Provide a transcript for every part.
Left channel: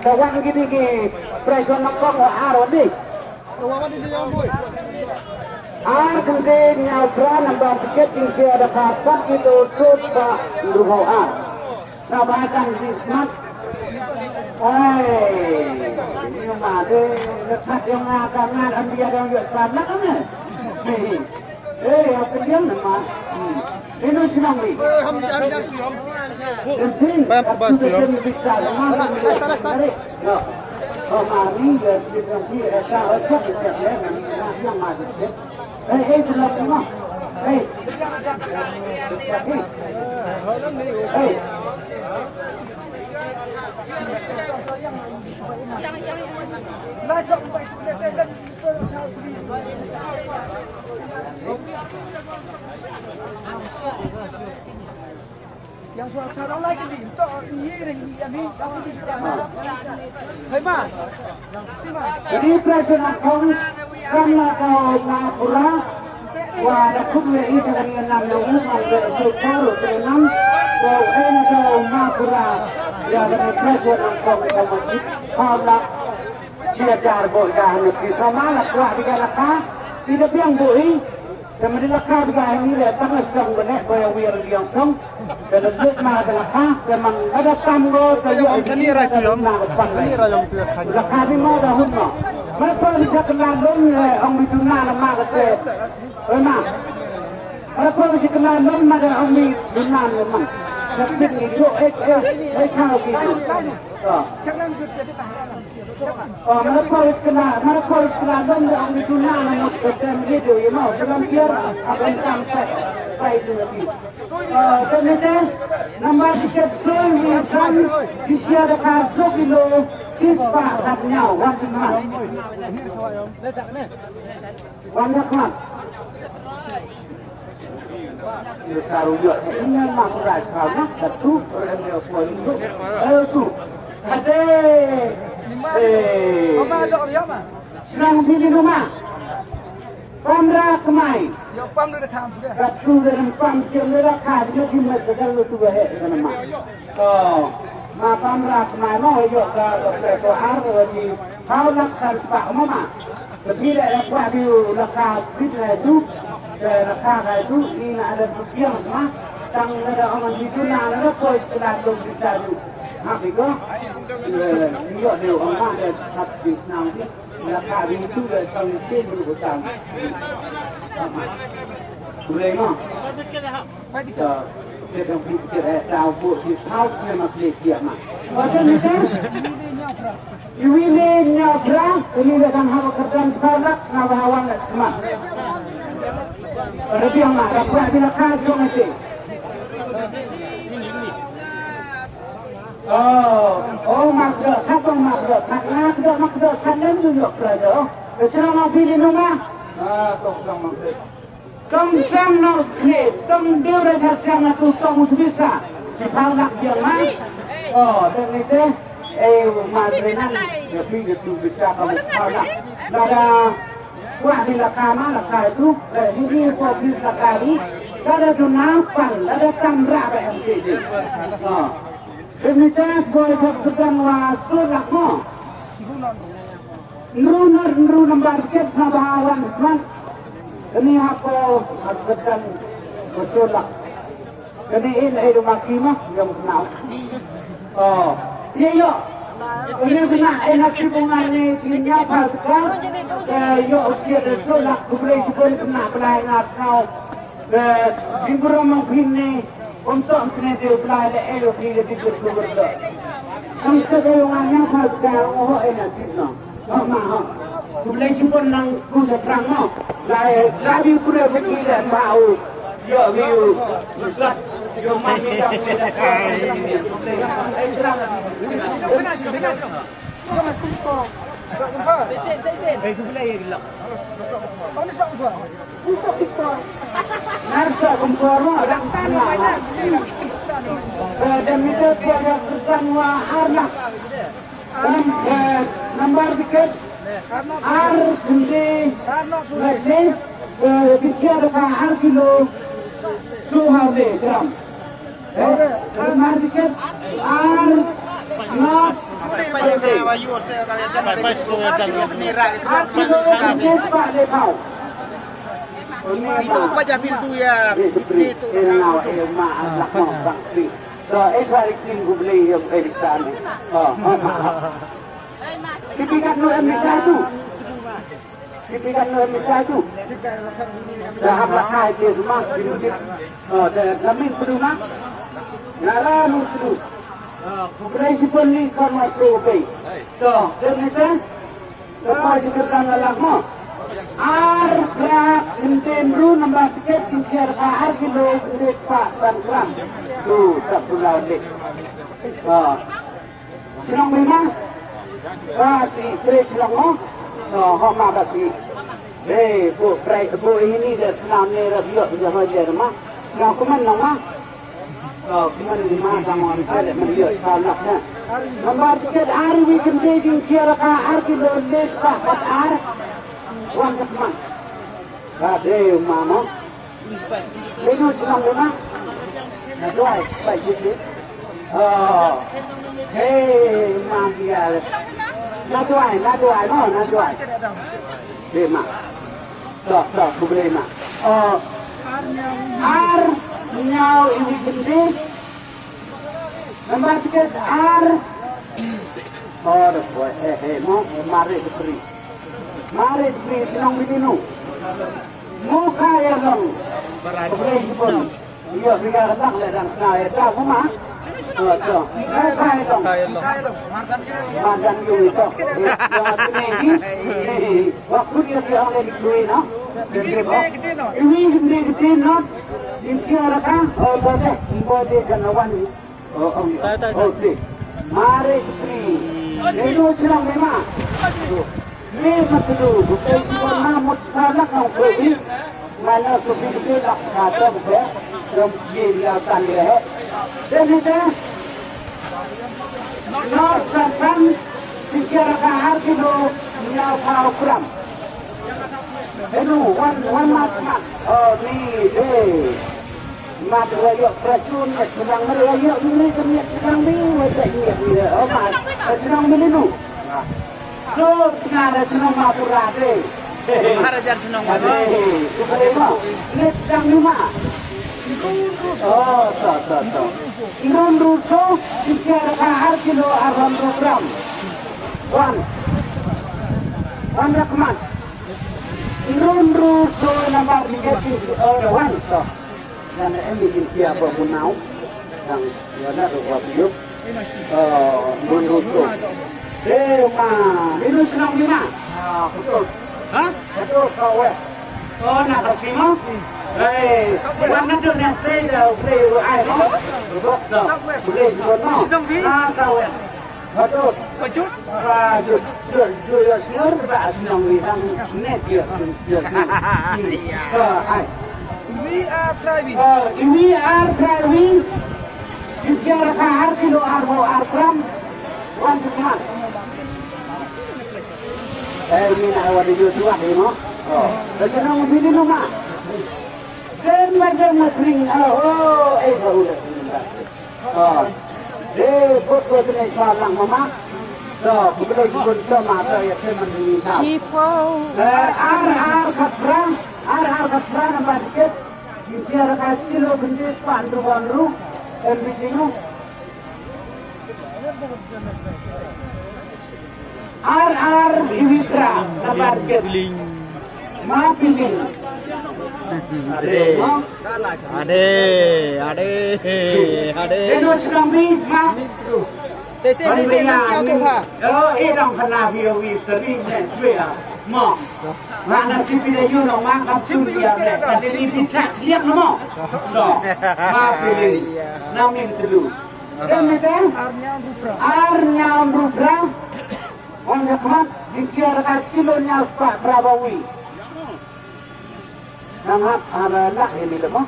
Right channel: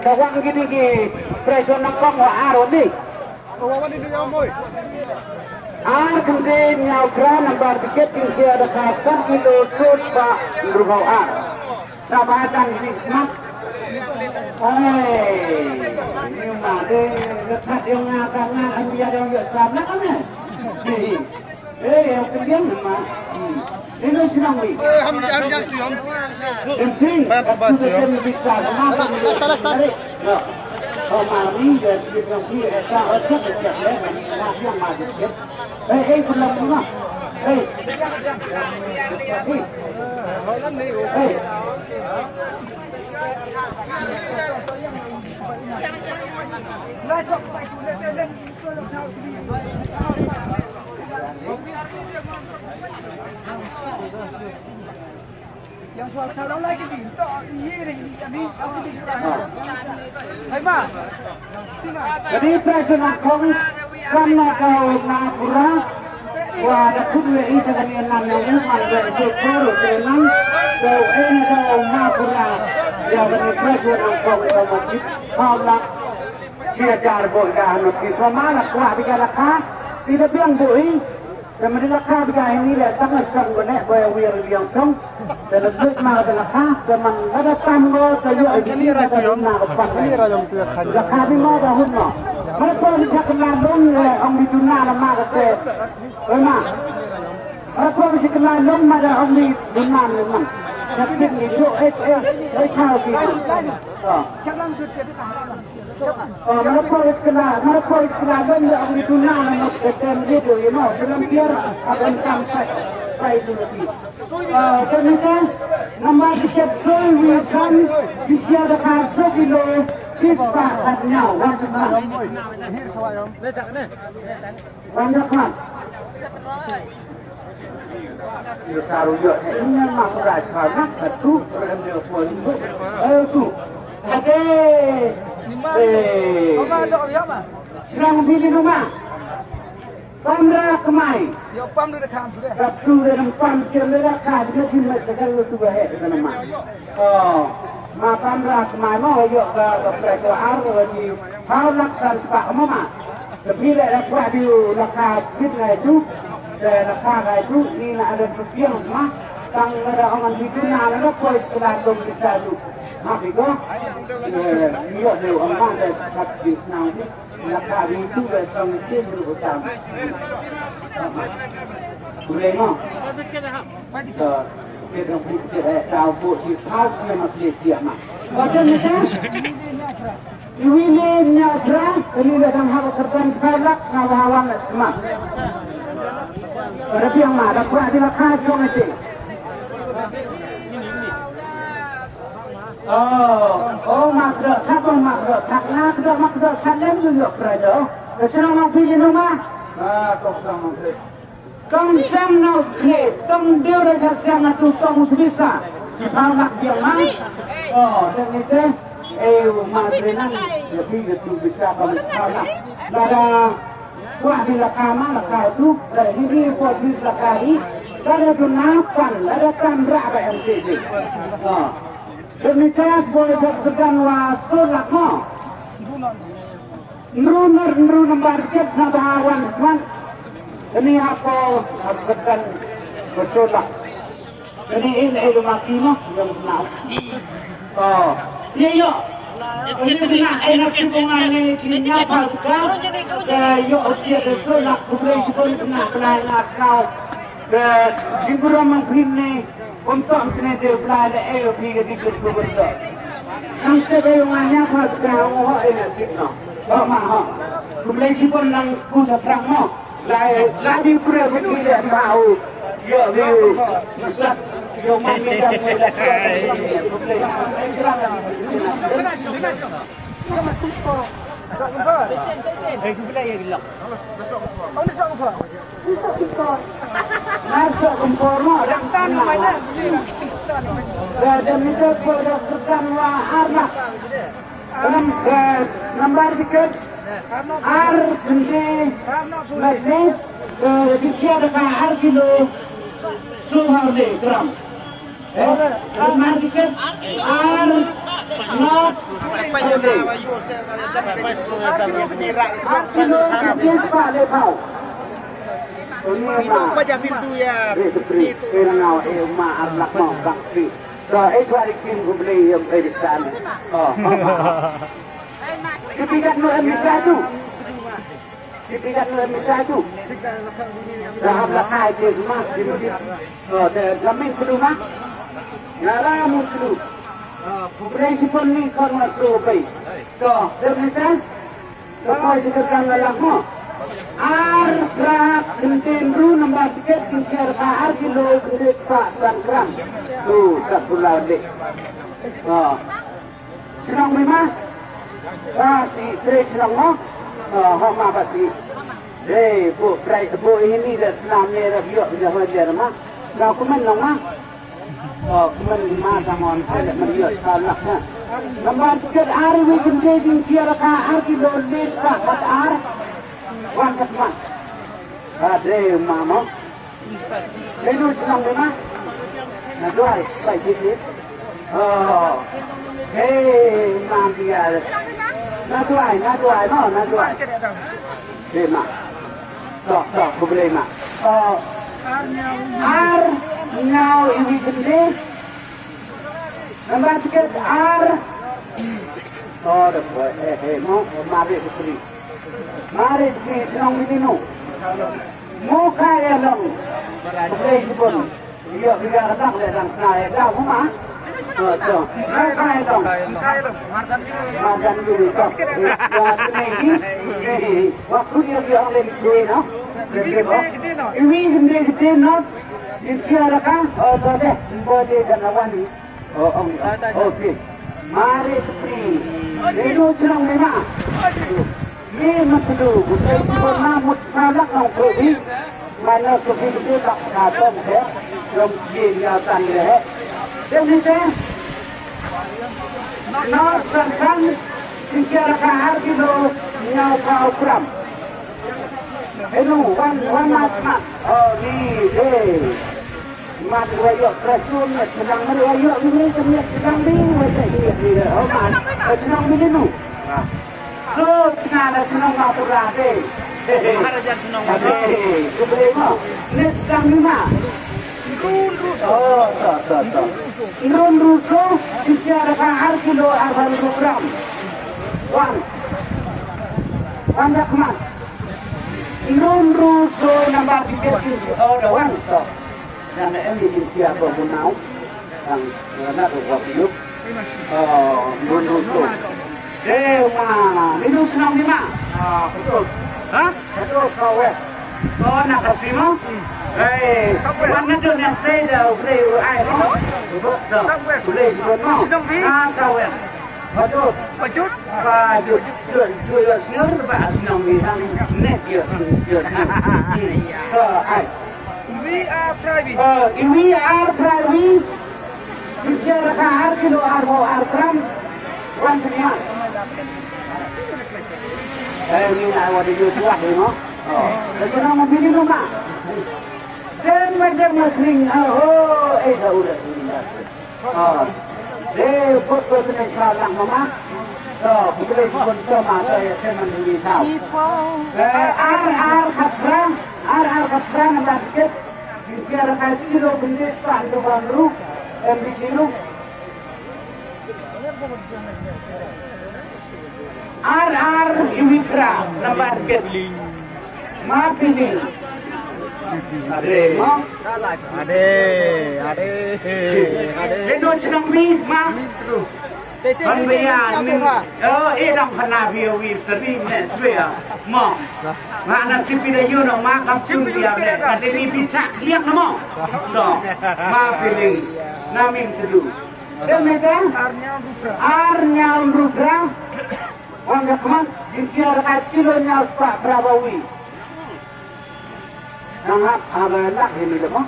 Tawang gini di presiden kong waharo ni. Kemudian nyawra nomor tiket ini ada kasan itu terus pak berubah sahabatkan hikmat. Nhưng mà đây thật yêu Nga cả Nga anh bây giờ việc làm lắm này. Thế thì học cái tiếng mà. Thế nó xin ông đi. Penting, waktu dia bisa makan dari. Mà đi giờ thì trong khi ta ở trước thì sẽ lấy mà yang mà được. Đây cũng là cũng mà. Đây. Đây. Yang soal calon lagi ni, tak ini ni, Hema. Jadi presiden kong karena kau Napura, wada kudu ini sekalian nanya umat dari Koro tenan, kau ini kau Napura, ya bani presiden kong kau masjid, kau nak siajar boleh nak kita malah kuah bikalaka, tidak biang bui. Kemudian lakar bikai ini dia tangan sang benek bayar yang song, dan lebih mana lakar, kemudian ada tamgo tajuk ini ada guna kepan. Lakar ini mau dah hunma. Mereka bisa kelalun orang bituna nama kata, memang. Mereka bisa kelalun ada orang bituna memang. Tapi itu kau itu. Mereka harus kelalun orang bituna nama kata begitu, ya mau. Biar akan sampai itu lagi. Kemudian nomor tiket Wisan dia ada kasih kilo kispa katnya wajiblah. Wajiblah. Dia saruyo ini masuk raja satu orang pun itu. Ada serang pilih rumah. Pamra kemai. Yo pam lu dah kamu dah. Rabtu dalam pam cerita dia timah segala lu tuh nama. Ma pamra kemai mau yo ke preto lagi. Kalau laksan pak mama. Tapi dah kuat di lakar fitna itu. Dan lakar itu ini ada berpiang mah. Tang ada orang itu nak ada koi keladong bisa tu. Apa itu? Yo dia orang mana kat di senang ni. Lakar itu dah sampai dulu utang. Boleh mah? Kita dah buat tahu buat di house ni masih siap mah. Macam ni kan? Ini nyabra, ini dah hawa kerjaan balak, nawawan semua. Berarti yang mana? Kuat di lakar cuma itu. Makdo, satu makdo, makdo, kalian juga berada. Sekarang mau pilih rumah? Kau sedang pilih. Tong sam nak pilih, tong dia rasa sam nak tu tong bisa. Jika nak dia mang, dan itu, madrinan, ya pilih tu bisa kamu nak. Ada kuah di lakar itu, ini kuah di lakar ini, ada dunapan, ada kamera yang jadi. Ini kan boleh sedang wasol lah kok. Nru nomor ket sabaran kan. Ini aku haruskan betul lah. Jadi ini rumah kino yang kenal. Iya yo. Ini dengan enak hubungan ni kini apa sekarang? Yo usia betul lah. Kublai pun kena pelayan kau. Jibran mengkini. Untuk sini dia belajar pergi ke kubur tu. Kami sebelumnya pada orang ini kita. Mah. Kublai si pun nang kuda terang mah. Lagi pura pergi dah tahu. Yo. Yo mami dah kuda. Benar. Tak jumpa. Kublai lagi lah. Mana sok jumpa? Untuk kita. Nasa kumpulnya ada tanah. Dan itu pada pertama anak. Nomor tiket. Ar bende. Dikira kahar kilo suhar de gram. Market are not Macam itu ya. Itu beli yang editan. Dipikat bisa itu. Dipikat bisa itu. Dah kai dia mas biru dia. Kami perlu mak. Nara perlu. Kubrai sipun ni korma probai. Dan kita. Kau jika dalam mo. Ar berat kentemru nambah tiket kikiar ar kilo kudet pak gram. Tuh tak pulau dek. Senang berima. Si Trey senang mo. Hama kasi. Bu ini dah senang ni dah biar bisa belajar mah. Senang kuman nama. Kuman lima sama ada biar tahu naknya. Nambah tiket ar ini kentemru kikiar ar kilo kudet pak ar. One. Ada mama. Ini macam mana? Naduai, baik jadi. Hey, mangga. Naduai, no, naduai. Lima. Sok, berlima. Ar, nyau ini jenis. Nombor tiket ar. Mau mari beri. Mari senang begini. Muka ya dong. Berai pun. Iya biar datang dan saya dah rumah. Betul. Muka ya dong. Makan dulu. Waktu dia ambil kue no. Ini gede no. Dikira kan? Oh boleh. Boleh kenawan. Okey. Mari Itu senang memang. Ini dulu, kita isi pernah mutkala kau pergi, mana seperti tak kata bukan, yang dia tanya है, dan itu, nak sansan, tiga kahar kilo nyau kau gram, itu wan mas, oh ni deh, mat wajib kerjun, senang wajib ini senang dulu wajib ini, oh nak senang dulu. So, kenapa senang mahu berada? Maharaja senang mahu. Net jam 5. Irun ruso, bicara kahar kilo 80 gram. One jakman. Irun ruso nombor tiket one. Dan ini siapa punau? Yang nak berkopi. Irun ruso. Minum senang di mana? Betul. Hah? Betul kau kau nak kasih mau? Mana tu yang saya boleh air? Betul. Boleh juga mau? Sawer. Betul. Betul. Dua senor bah senang di hang net dia senang. We are private. We are private. Bicara kahar kilo ar gram. One senang. Ini awak di Yusuf, you know. Lepas nak pilih rumah. Dan macam muslim, tahu dah. Buat ni salah mama. Kita ikut sama saya mandi tahu. Ar khasran nama sikit. Biar kasih kilo benda pandu baru, bikiru. Ar Iwikra nombor tiket. Ma pilih. Ade. Deno senang bi ma. Banyak ni. Dong kena viewi sering ni semua. Ma. Mana si pilih you dong ma kampung dia ni. Kali ni picak lihat nama. Dong. Ma pilih. Namin tu. Dan ni kan? Arnyau Rudra. Wanyak mah, dikira kat kilonya Pak Prabowo. Nama ada nak ini lemah.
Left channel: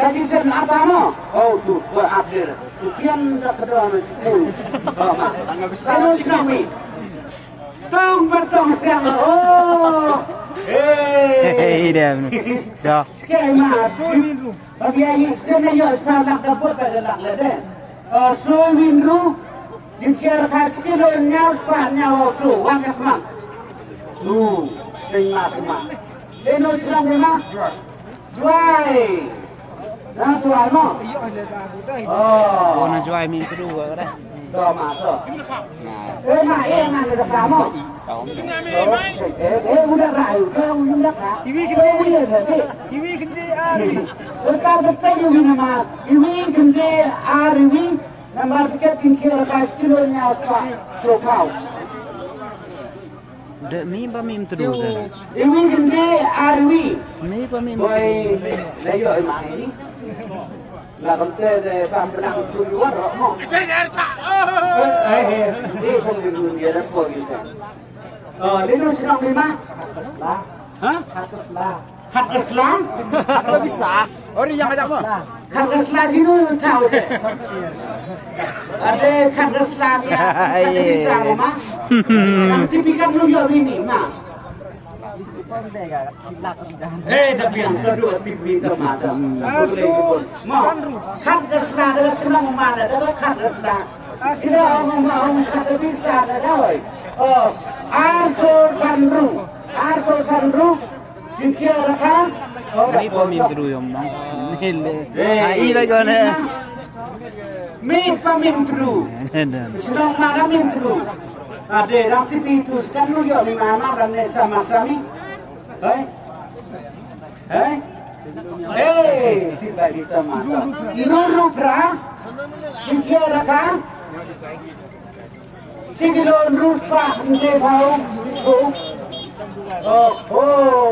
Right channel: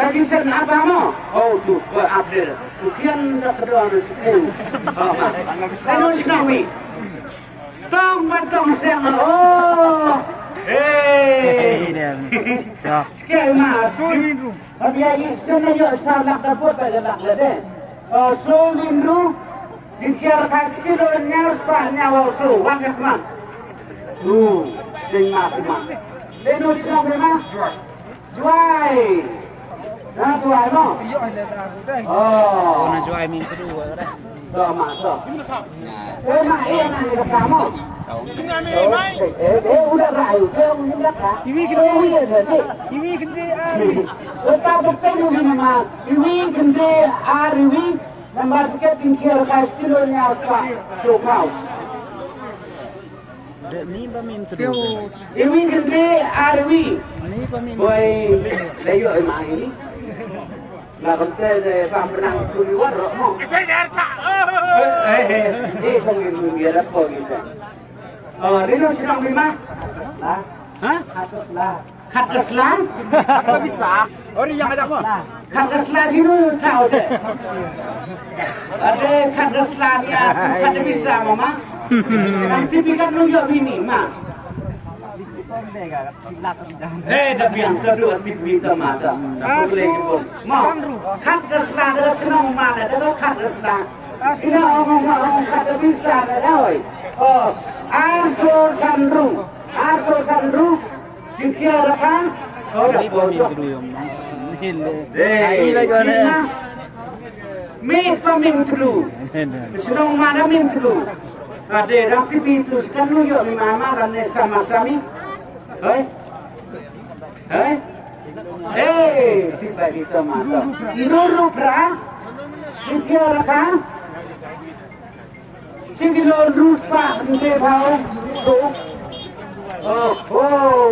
Saya sen apa mah? Oh tu berupdate. Ukian tak kedua nanti. Terus kami. Tong batong siang. Oh, dia. Dah. Sekali masuk. Tapi yang sana yo sekarang dapur pada nak lede. So minru. Dikira kat kilo nyar pa nyawa so. Wangas mak. Dengar mak. Leno cakap memang. Juai. Nah juai mak. Oh. Nak jual min kedua dah. Dah mak dah. Mak mana dia kamu? Udah baik. Udah tak. Ini kende ari. Letak betul ni mak. Ini kende ari. Nampak tiket tinggal kat kilo nya apa? So kau. Dek mi ba mi terus. Ini kende ari. Mi ba mi. Boy, layu mak ini. Nak kata pernah tujuan roh. Saya cak. Ini kau dia dah kau kita. Lino sedang lima. Hah? Kat Islam? Tak bisa. Orang yang ada apa? Kat Islam itu tahu deh. Ada kat Islam ya. Kat bisa mama. Nanti pikat nuyuk ini mak. Tapi yang kedua tipu mata. Mau kat Islam ada senang mana? Ada kat Islam. Ini orang kat bisa ada. Arsul Sanru. Dikira kan? Mi ba mi terus yang Ini bagaimana? Mi pamim terus. Senang mana mim terus. Ada orang tipu itu kan lu yo di mana dan sama-sama. Hei. Tiba kita mata. Dulu pra. Dikira kan? Cikilo rupa de bau.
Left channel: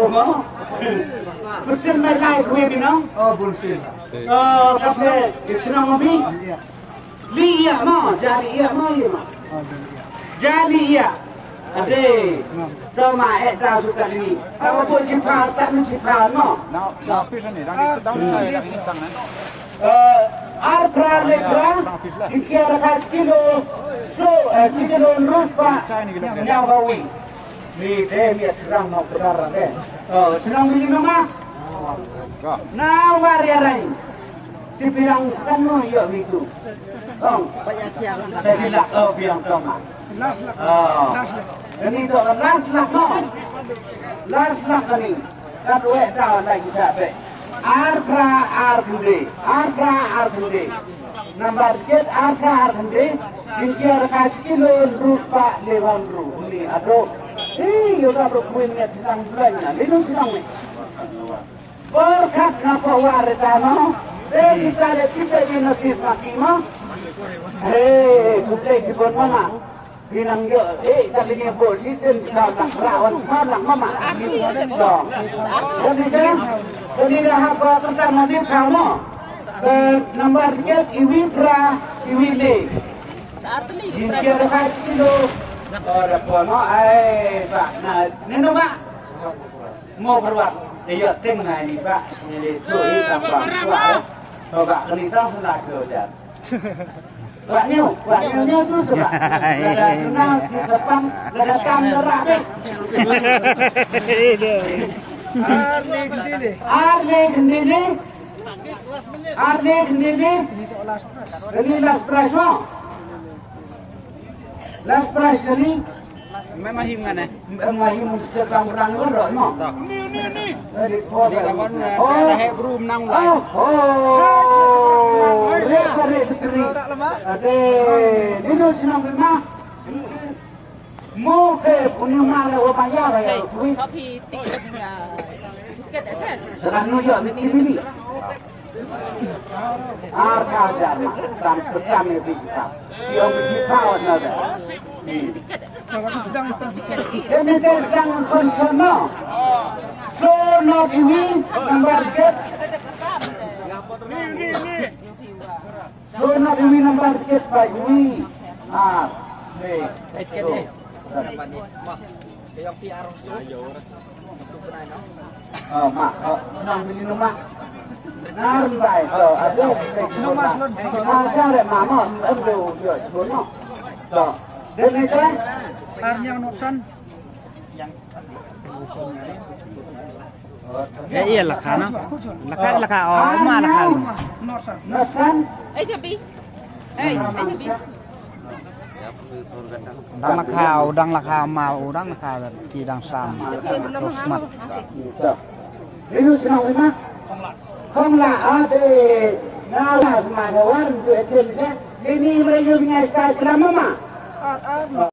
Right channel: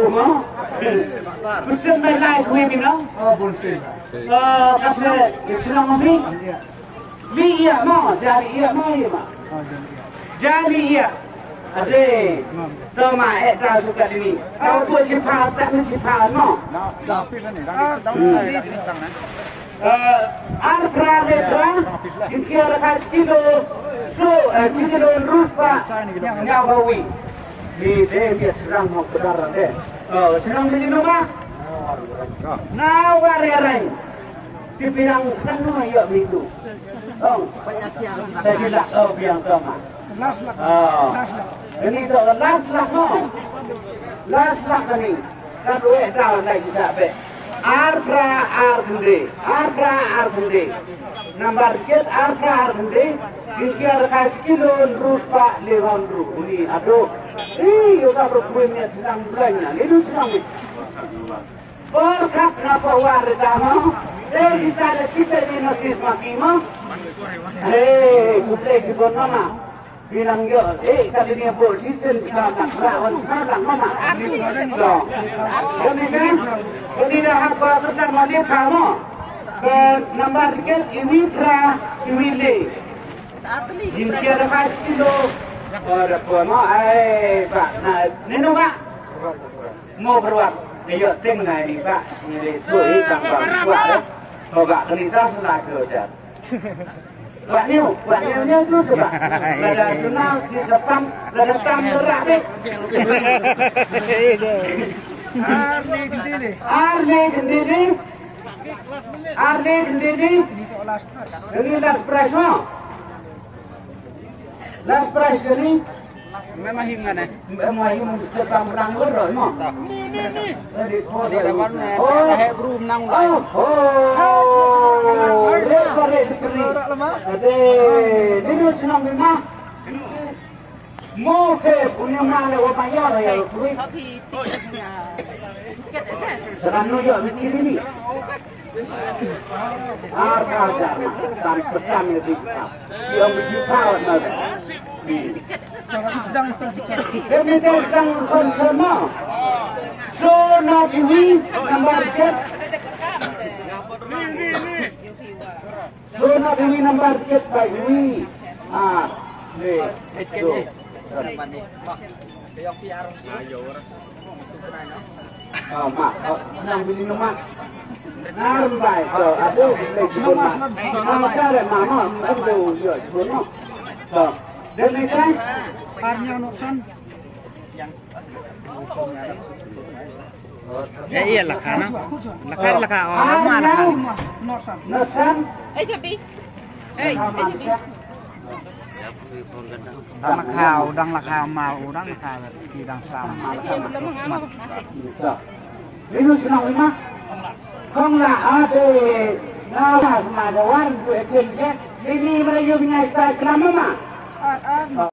Mau. Bukan main lain kue binong. Bullshit. Kasih senang mobil. Liya mau, jadi iya mau iya mau. Jadi iya. Ada. Toma dah suka ini. Tahu buat cipal tak mencipal mau. Arpra lepra. Dikira kat kilo. Cikilo rupa nyawawi. Ni dia serang mau kedaran deh. Serang beli nama. Nawar ya rai. Dipirang sekanu yo itu. Saya sila biang toma. Ini tu las lah ni. Kan dah lagi sampai. Arpra arkunde. Nomor ket arpra arkunde. Dikira kat kilo rupa lewang ru. Ini aduh. Yo tak rupanya sedang belanja. Ini sedang. Berkat apa warga mau? Kita ini notis makimo. Kuda itu mana? Bilang yo, tadi dia posisi sekarang mama. Kemudian apa pertama ni kamu? Nomor tiga iwile. Jika ada kilo. Orang tua mau, pak, nah, nino pak, mau keluar, dia tengah ni pak, ni tu hitam bang, kuat, pak kenita selah kerja. Kuatnya tu sebab, ada kenal di depan, ada tam terak deh. Arle kendiri, ini last price mau. Last price kali. Memang himgan eh. Memang him mesti bang berdoa mau. Ni. Ada room nang. Ada. Ini senang memang. Mau ke punya mana orang ya. Tapi tiketnya. Tiket aja. Sekarang ni juga ini. Ada pertama ni. Dia mesti tahu ada. Kami sedang konsono. So not ini nomor tiket. So not ini nomor tiket by ini. Mak, senang beli rumah. Nah, baik. So, ada semua. Cara mana? Ada semua. So, dan kan? Parnya nuksan. Yang Ya iya lah kan. Laka orang mana kan. Nosan. Tapi. Tapi. Udang laka mal, udang laka tidang sama. Ini senang lima. Không lạ thì nào mà đồ ăn của trên xe. Ini mereka punya sekali kelama mah.